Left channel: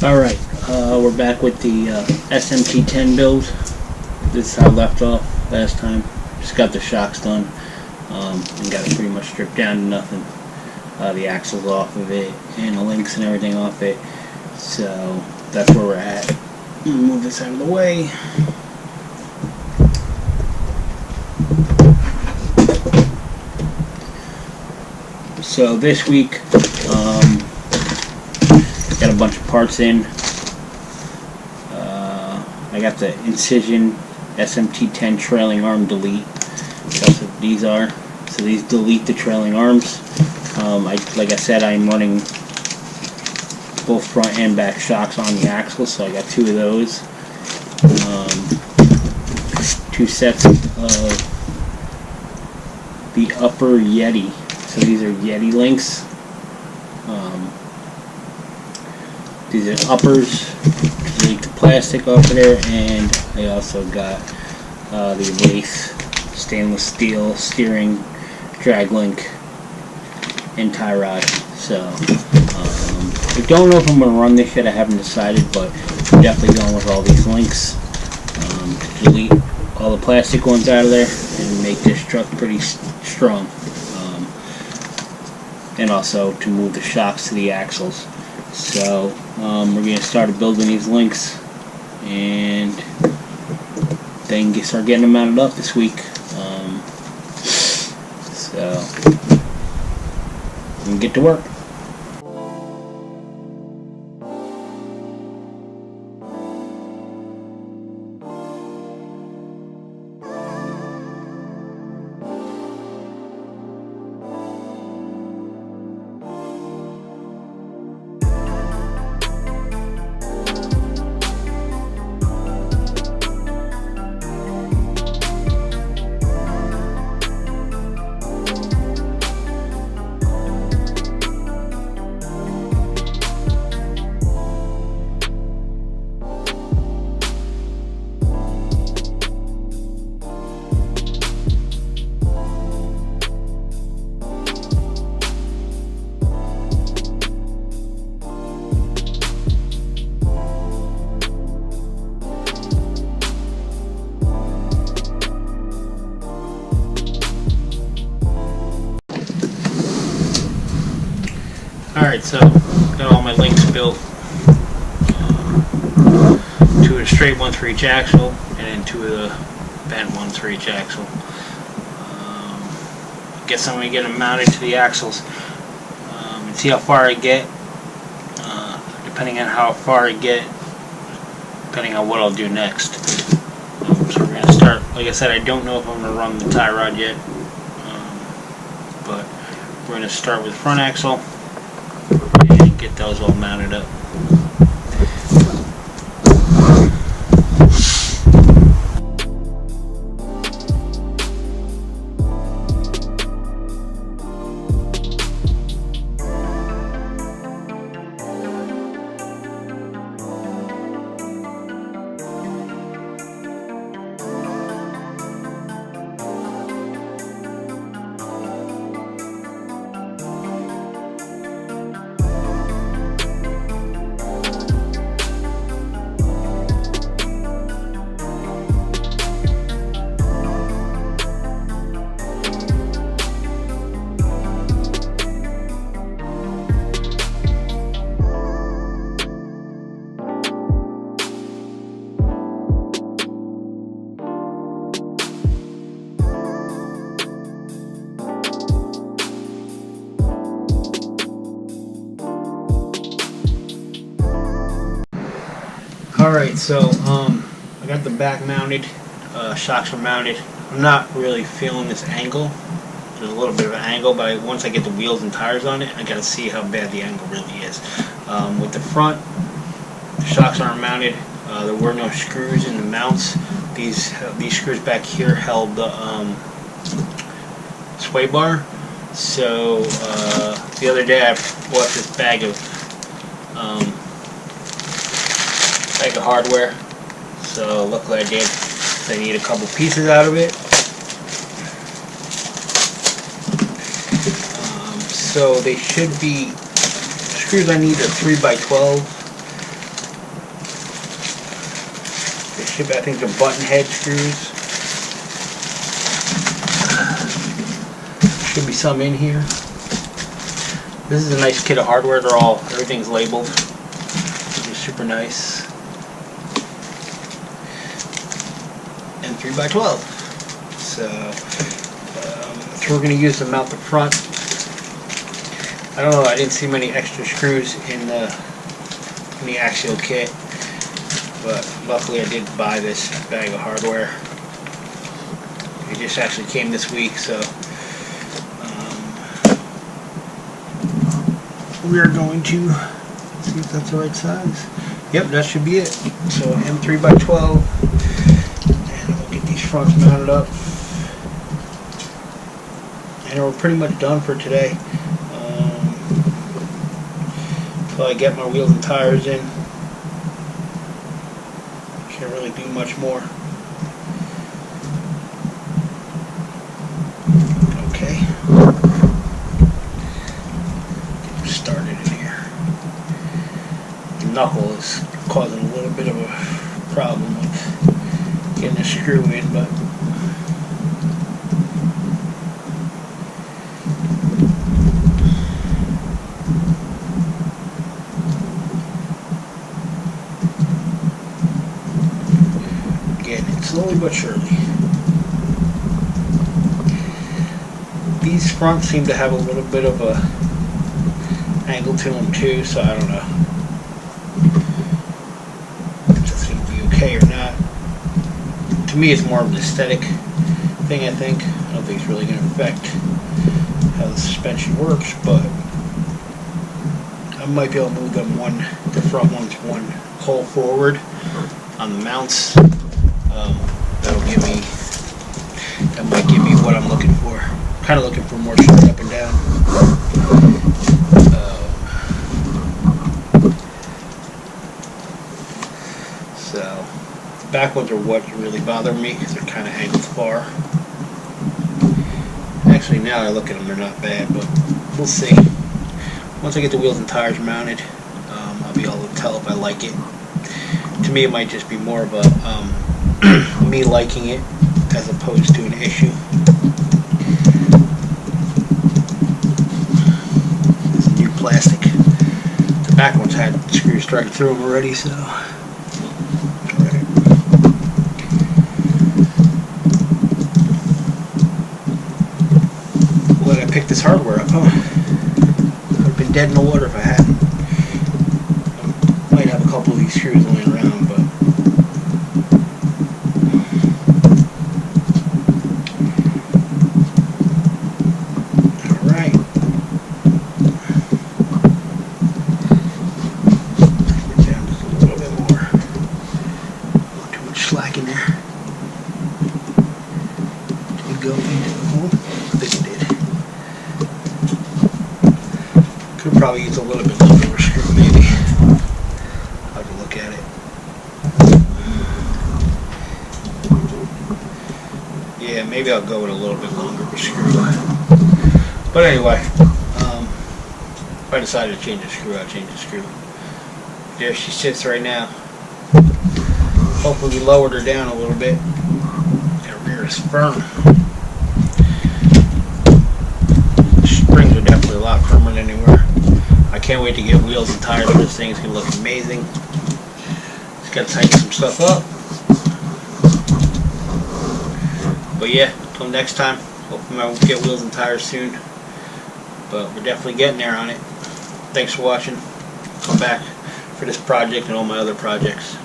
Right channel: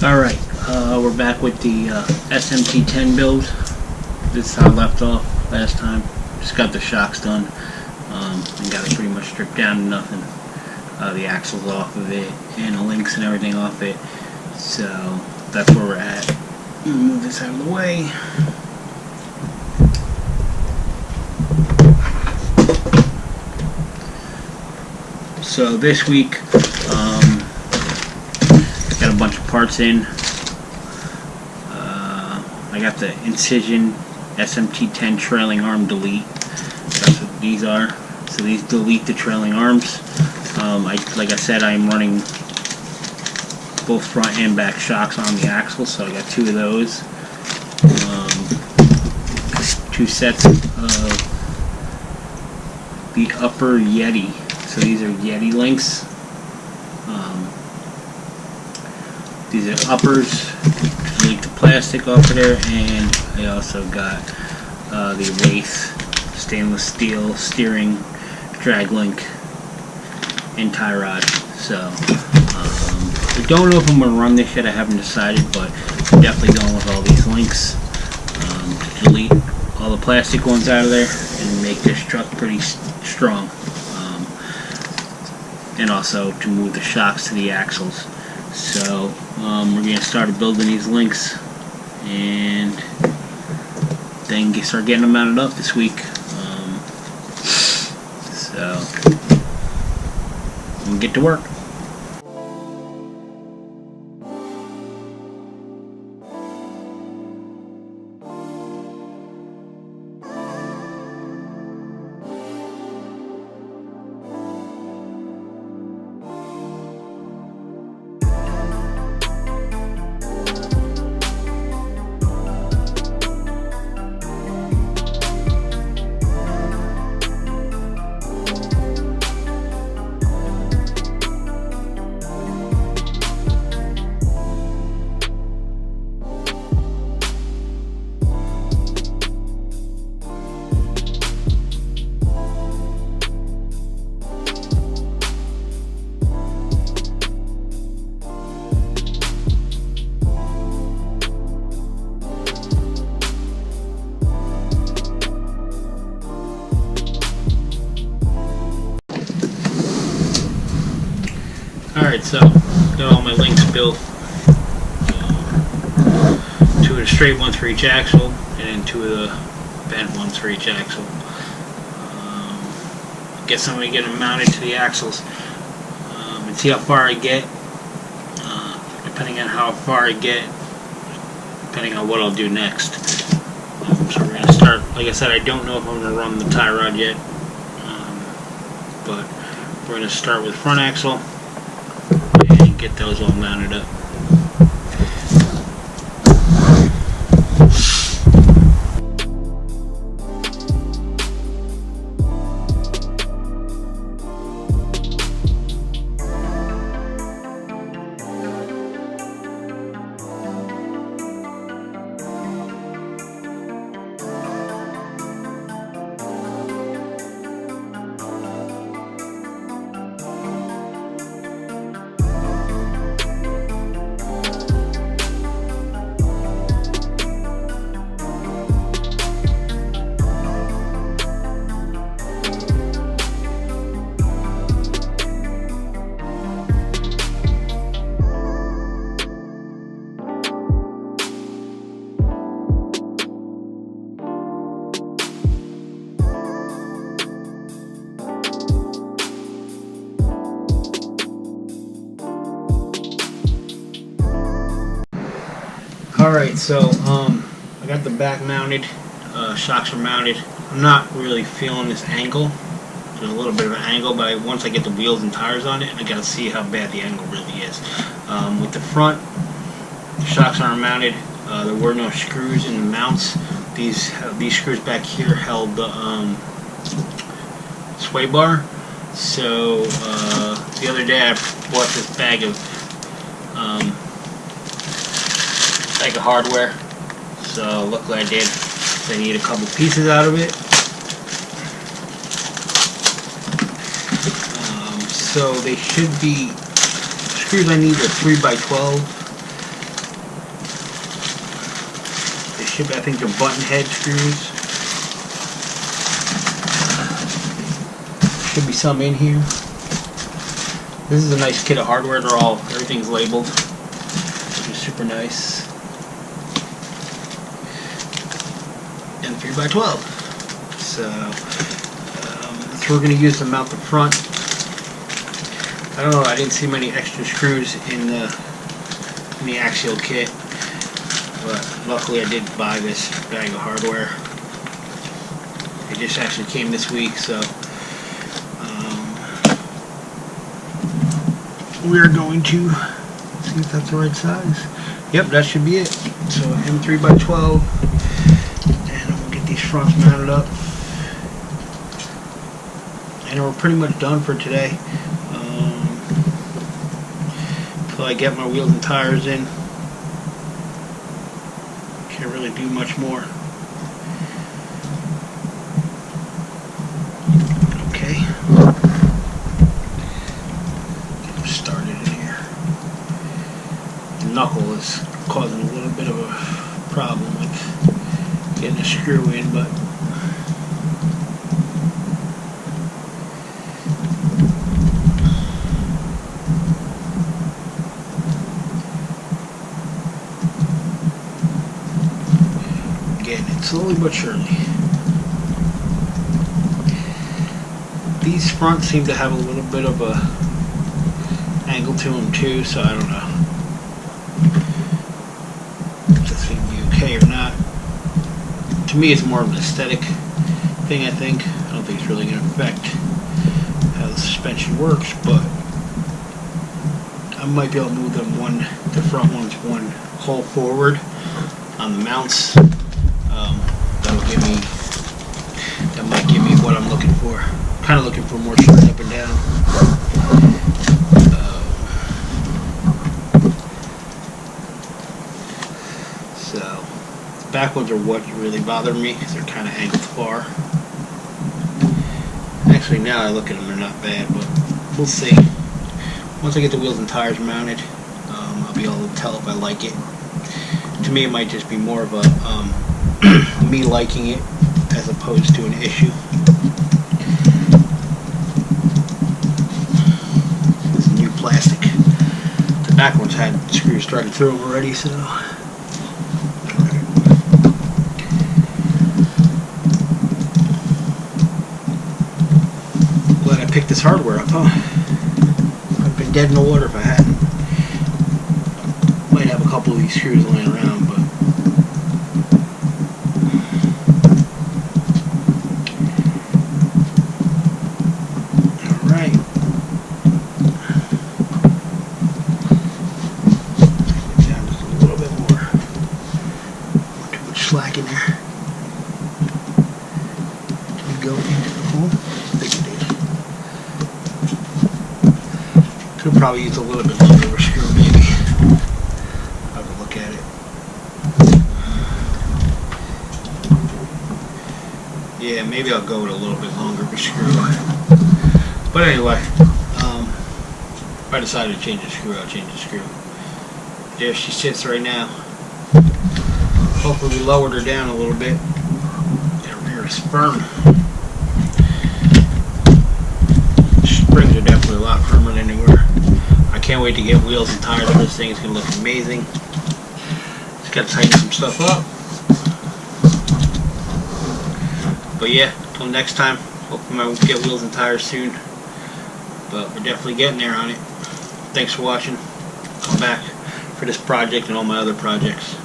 Alright, we're back with the SMT10 build. This is how I left off last time. Just got the shocks done and got it pretty much stripped down to nothing. The axles off of it and the links and everything off it. So that's where we're at. Move this out of the way. So this week, got a bunch of parts in. I got the Incision SMT10 trailing arm delete. That's what these are. So these delete the trailing arms. Like I said, I'm running both front and back shocks on the axle, so I got two of those. Two sets of the upper Yeti. So these are Yeti links. These are uppers to delete the plastic off of there, and I also got the Wraith stainless steel steering drag link and tie rod. So I don't know if I'm going to run this yet. I haven't decided, but I'm definitely going with all these links to delete all the plastic ones out of there and make this truck pretty strong. And also to move the shocks to the axles. So we're going to start building these links and then start getting them mounted up this week. So we can get to work. Alright, so got all my links built. Two of the straight ones for each axle, and then two of the bent ones for each axle. I guess I'm going to get them mounted to the axles and see how far I get. Depending on how far I get, depending on what I'll do next. So we're going to start, like I said, I don't know if I'm going to run the tie rod yet, but we're going to start with the front axle and get those all mounted up. Alright, so I got the back mounted, shocks are mounted. I'm not really feeling this angle. There's a little bit of an angle, but once I get the wheels and tires on it, I gotta see how bad the angle really is. With the front, the shocks aren't mounted. There were no screws in the mounts. These screws back here held the sway bar. So the other day I bought this bag of hardware, so luckily I did. So I need a couple pieces out of it. So they should be, screws I need are 3x12. Should be, I think, the button head screws. Should be some in here. This is a nice kit of hardware. Everything's labeled, which is super nice. And 3x12. So that's what we're going to use to mount the front. I don't know. I didn't see many extra screws in the Axial kit, but luckily I did buy this bag of hardware. It just actually came this week, so we are going to see if that's the right size. Yep, that should be it. So M3x12, and we'll get these fronts mounted up. And we're pretty much done for today. Until I get my wheels and tires in, can't really do much more. Okay. Get this started in here. The knuckle is causing a little bit of a problem with getting a screw in, but getting it slowly but surely. These fronts seem to have a little bit of a angle to them too, so I don't know if that's going to be okay or not. To me, it's more of an aesthetic thing, I think. I don't think it's really going to affect how the suspension works, but I might be able to move them the front ones one hole forward on the mounts. That might give me what I'm looking for. Kind of looking for more straight up and down. So the back ones are what really bother me because they're kind of angled far. Actually, now I look at them, they're not bad, but we'll see. Once I get the wheels and tires mounted, I'll be able to tell if I like it. To me, it might just be more of a me liking it as opposed to an issue. This is new plastic. The back ones had screws started through them already, so alright. Glad I picked this hardware up, huh? I'd been dead in the water if I hadn't. I might have a couple of these screws laying around, but alright. Take it down just a little bit more. Don't want too much slack in there. Did it go into the hole? I think it did. Could probably use a little bit longer of a screw, maybe. I'll have to look at it. Yeah, maybe I'll go with a little bit longer of a screw. But anyway, if I decide to change the screw, I'll change the screw. There she sits right now. Hopefully we lowered her down a little bit. The rear is firm. The springs are definitely a lot firmer than they were. I can't wait to get wheels and tires for this thing. It's going to look amazing. Just got to tighten some stuff up. But yeah, until next time, hopefully I won't get wheels and tires soon. But we're definitely getting there on it. Thanks for watching. Come back for this project and all my other projects.